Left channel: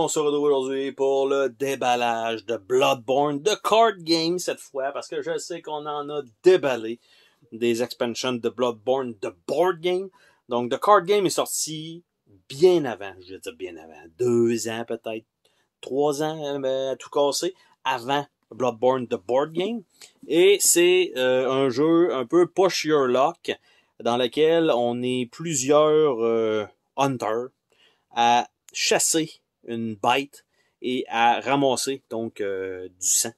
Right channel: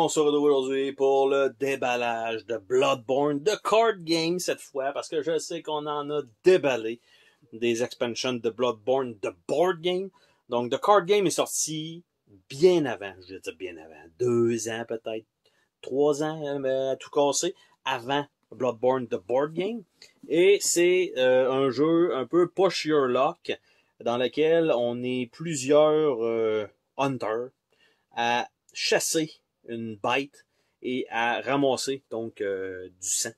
monde, on se retrouve aujourd'hui pour le déballage de Bloodborne, de card game cette fois, parce que je sais qu'on en a déballé des expansions de Bloodborne de board game. Donc, The Card Game est sorti bien avant, je vais dire bien avant, 2 ans peut-être, 3 ans à tout casser, avant Bloodborne de board game. Et c'est un jeu un peu push your luck, dans lequel on est plusieurs hunters à chasser une bête et à ramasser donc du sang,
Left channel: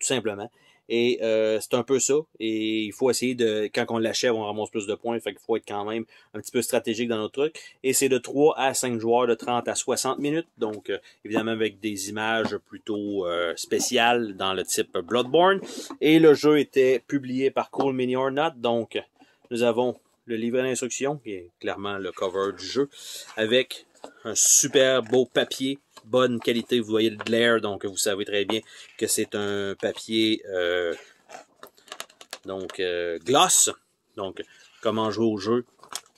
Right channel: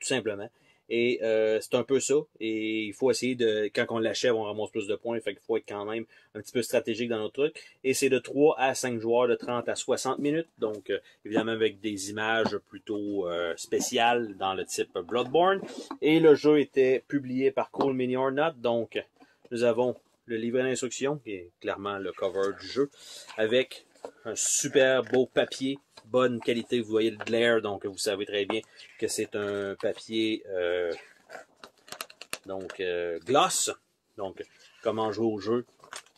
tout simplement. Et c'est un peu ça. Et il faut essayer de, quand on l'achève, on ramasse plus de points. Fait qu'il faut être quand même un petit peu stratégique dans notre truc. Et c'est de 3 à 5 joueurs de 30 à 60 minutes. Donc, évidemment, avec des images plutôt spéciales dans le type Bloodborne. Et le jeu était publié par Cool Mini or Not. Donc, nous avons le livret d'instruction, qui est clairement le cover du jeu, avec un super beau papier, bonne qualité, vous voyez le glare, donc vous savez très bien que c'est un papier gloss, donc comment jouer au jeu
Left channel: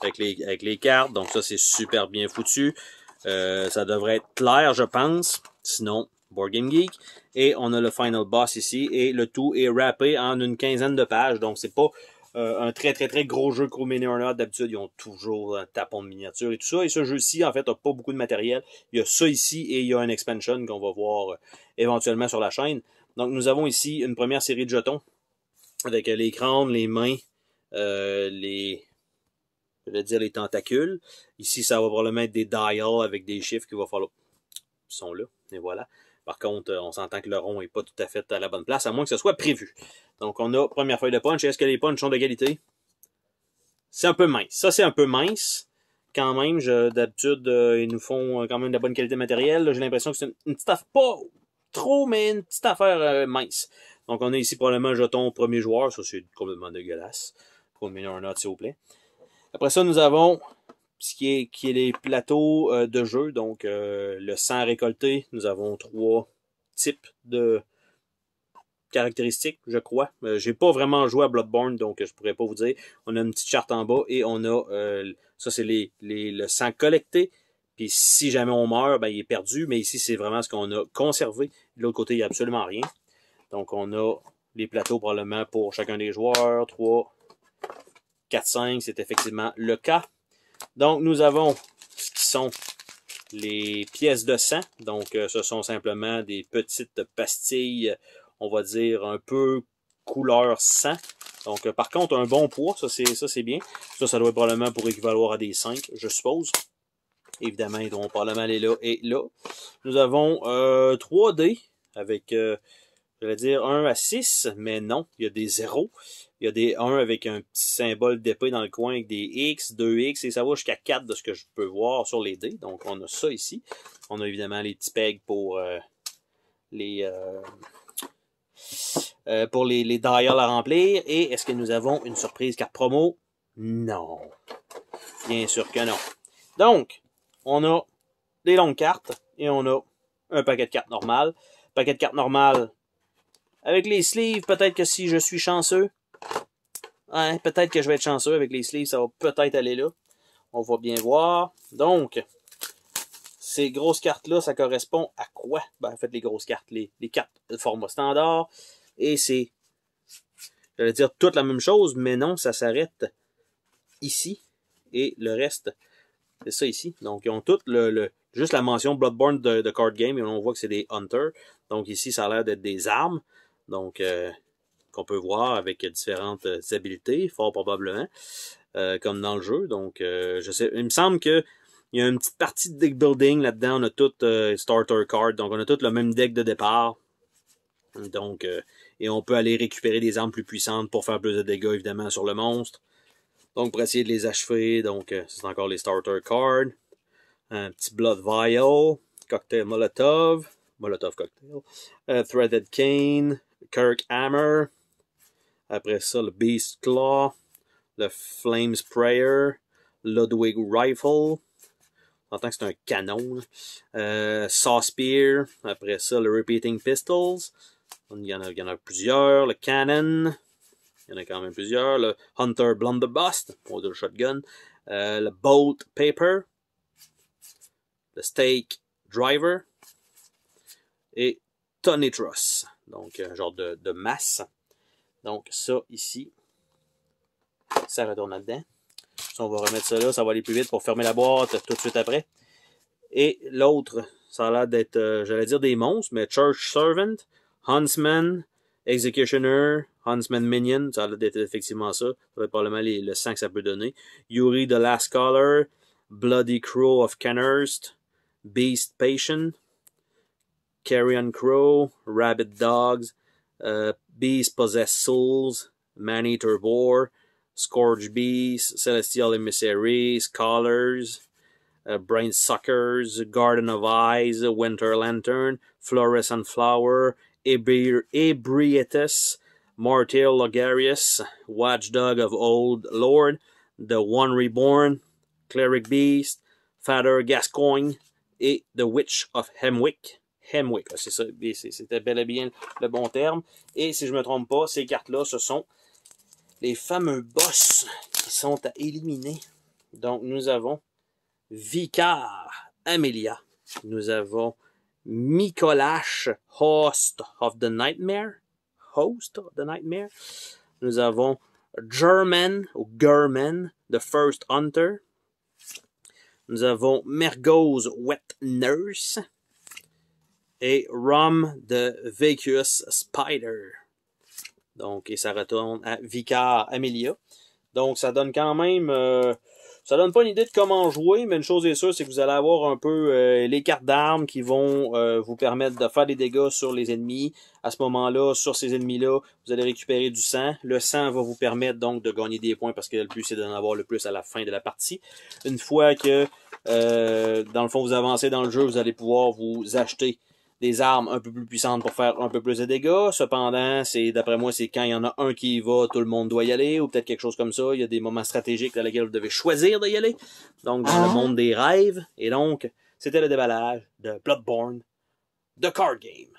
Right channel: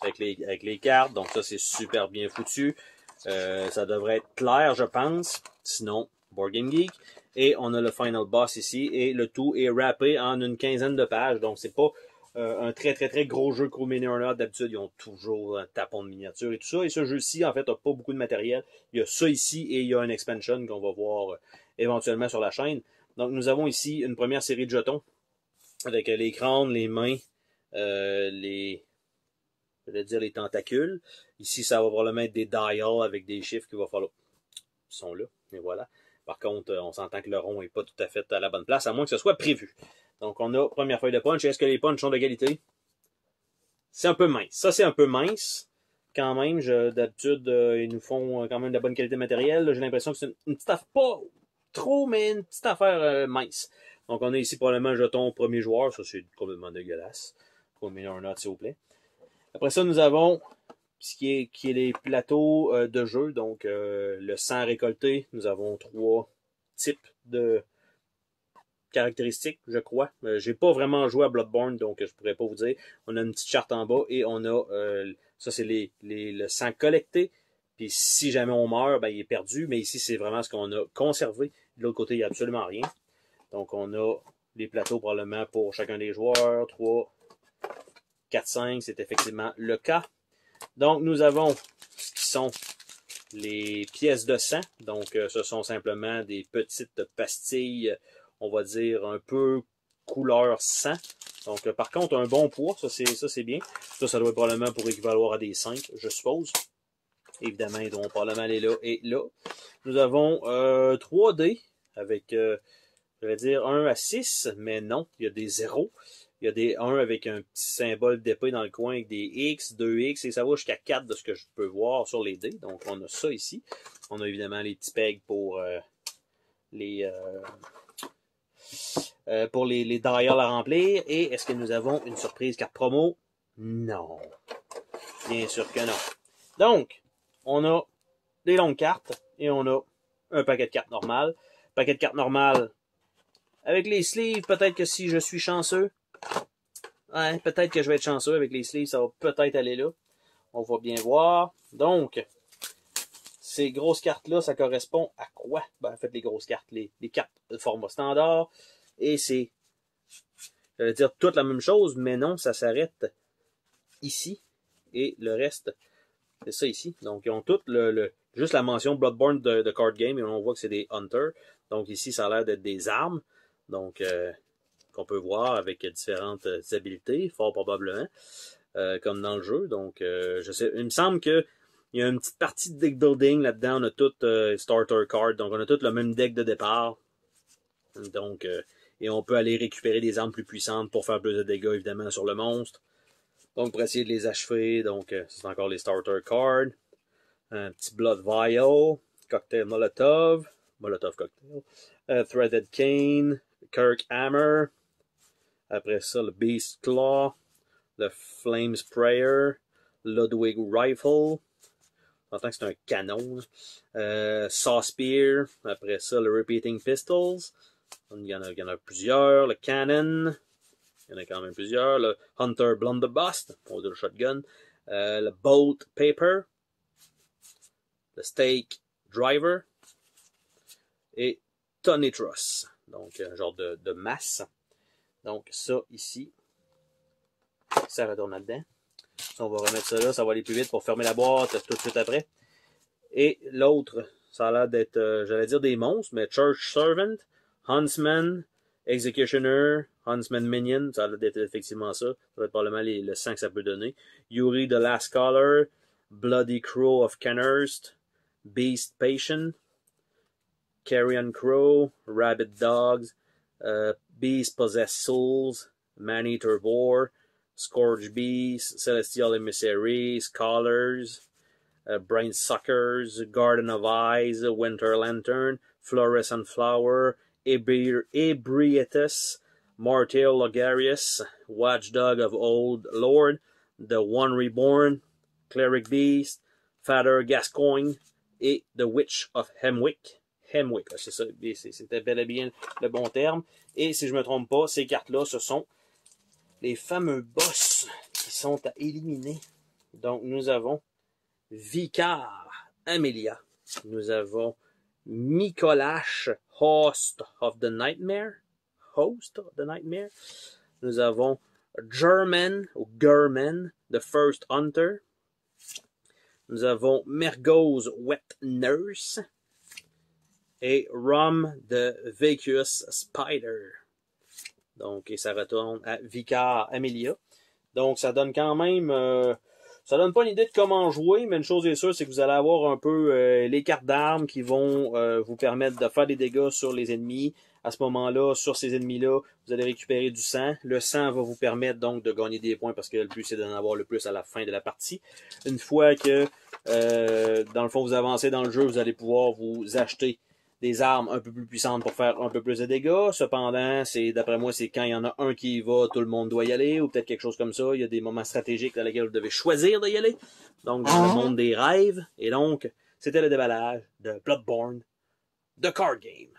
avec les cartes, donc ça c'est super bien foutu, ça devrait être clair je pense, sinon Board Game Geek, et on a le final boss ici, et le tout est wrappé en une quinzaine de pages, donc c'est pas un très gros jeu Cool Mini or Not. D'habitude, ils ont toujours un tapon de miniature et tout ça. Et ce jeu-ci, en fait, n'a pas beaucoup de matériel. Il y a ça ici et il y a une expansion qu'on va voir éventuellement sur la chaîne. Donc, nous avons ici une première série de jetons avec les crânes, les mains, je vais dire les tentacules. Ici, ça va probablement être des dials avec des chiffres qu'il va falloir. Ils sont là, et voilà. Par contre, on s'entend que le rond n'est pas tout à fait à la bonne place, à moins que ce soit prévu. Donc, on a première feuille de punch. Est-ce que les punchs sont de qualité? C'est un peu mince. Ça, c'est un peu mince. Quand même, d'habitude, ils nous font quand même de la bonne qualité matérielle. J'ai l'impression que c'est une petite affaire, pas trop, mais une petite affaire mince. Donc, on a ici probablement un jeton premier joueur. Ça, c'est complètement dégueulasse. Pour le un note, s'il vous plaît. Après ça, nous avons ce qui est les plateaux de jeu. Donc, le sang récolté. Nous avons 3 types de caractéristiques, je crois. J'ai pas vraiment joué à Bloodborne, donc je pourrais pas vous dire. On a une petite charte en bas et on a ça c'est le sang collecté. Puis si jamais on meurt, ben, il est perdu. Mais ici, c'est vraiment ce qu'on a conservé. De l'autre côté, il n'y a absolument rien. Donc on a les plateaux probablement pour chacun des joueurs. 3, 4, 5, c'est effectivement le cas. Donc nous avons ce qui sont les pièces de sang. Donc ce sont simplement des petites pastilles, on va dire, un peu couleur sang. Donc, par contre, un bon poids, ça c'est bien. Ça doit probablement pour équivaloir à des 5, je suppose. Évidemment, ils vont probablement aller là et là. Nous avons 3 dés avec, je vais dire, 1 à 6, mais non, il y a des 0. Il y a des 1 avec un petit symbole d'épée dans le coin avec des X, 2X, et ça va jusqu'à 4 de ce que je peux voir sur les dés. Donc, on a ça ici. On a évidemment les petits pegs pour les dials à remplir. Et est-ce que nous avons une surprise carte promo? Non. Bien sûr que non. Donc, on a des longues cartes et on a un paquet de cartes normales. Paquet de cartes normales avec les sleeves, peut-être que si je suis chanceux, hein, peut-être que je vais être chanceux avec les sleeves, ça va peut-être aller là. On va bien voir. Donc, ces grosses cartes-là, ça correspond à quoi? Ben, en fait, les grosses cartes, les cartes de format standard. Et c'est, je vais dire, toute la même chose, mais non, ça s'arrête ici. Et le reste, c'est ça ici. Donc, ils ont toutes juste la mention Bloodborne de card game, et on voit que c'est des hunters. Donc, ici, ça a l'air d'être des armes. Donc, qu'on peut voir avec différentes habilités, fort probablement, comme dans le jeu. Donc, je sais, il me semble que il y a une petite partie de deck building là-dedans. On a tout starter card. Donc, on a tout le même deck de départ. Donc, et on peut aller récupérer des armes plus puissantes pour faire plus de dégâts, évidemment, sur le monstre. Donc, pour essayer de les achever. Donc, c'est encore les starter cards. Un petit Blood Vial. Cocktail Molotov. Molotov Cocktail. Threaded Cane. Kirk Hammer. Après ça, le Beast Claw. Le Flame Sprayer. Ludwig Rifle. On entend que c'est un canon. Saw Spear. Après ça, le Repeating Pistols. Il y en a plusieurs. Le Cannon. Il y en a quand même plusieurs. Le Hunter Blunderbuss. Pour le shotgun. Le Bolt Paper. Le Stake Driver et Tonitros. Donc, un genre de masse. Donc, ça ici, ça retourne là-dedans. Ça, on va remettre ça là, ça va aller plus vite pour fermer la boîte tout de suite après. Et l'autre, ça a l'air d'être, j'allais dire des monstres, mais Church Servant, Huntsman, Executioner, Huntsman Minion, ça a l'air d'être effectivement ça. Ça va être probablement le sang que ça peut donner. Yuri the Last Caller, Bloody Crow of Canhurst, Beast Patient, Carrion Crow, Rabbit Dogs, Beast Possessed Souls, Man-Eater Boar, Scourge Beast, Celestial Emissary, Scholars, Brain Suckers, Garden of Eyes, Winter Lantern, Fluorescent Flower, Ebrietus, Martial Logarius, Watchdog of Old Lord, The One Reborn, Cleric Beast, Father Gascoigne et The Witch of Hemwick. Hemwick, c'est ça, c'était bel et bien le bon terme. Et si je ne me trompe pas, ces cartes-là, ce sont les fameux boss qui sont à éliminer. Donc, nous avons Vicar Amelia. Nous avons Mikolash, Host of the Nightmare. Nous avons German, ou German, The First Hunter. Nous avons Mergoz Wet Nurse. Et Rum the Vacuous Spider. Donc, et ça retourne à Vicar Amelia. Donc, ça donne quand même... ça donne pas une idée de comment jouer, mais une chose est sûre, c'est que vous allez avoir un peu les cartes d'armes qui vont vous permettre de faire des dégâts sur les ennemis. À ce moment-là, sur ces ennemis-là, vous allez récupérer du sang. Le sang va vous permettre donc de gagner des points parce que le but, c'est d'en avoir le plus à la fin de la partie. Une fois que, dans le fond, vous avancez dans le jeu, vous allez pouvoir vous acheter des armes un peu plus puissantes pour faire un peu plus de dégâts. Cependant, d'après moi, c'est quand il y en a un qui y va, tout le monde doit y aller, ou peut-être quelque chose comme ça. Il y a des moments stratégiques dans lesquels vous devez choisir d'y aller. Donc, dans le monde des rêves. Et donc, c'était le déballage de Bloodborne, The Card Game.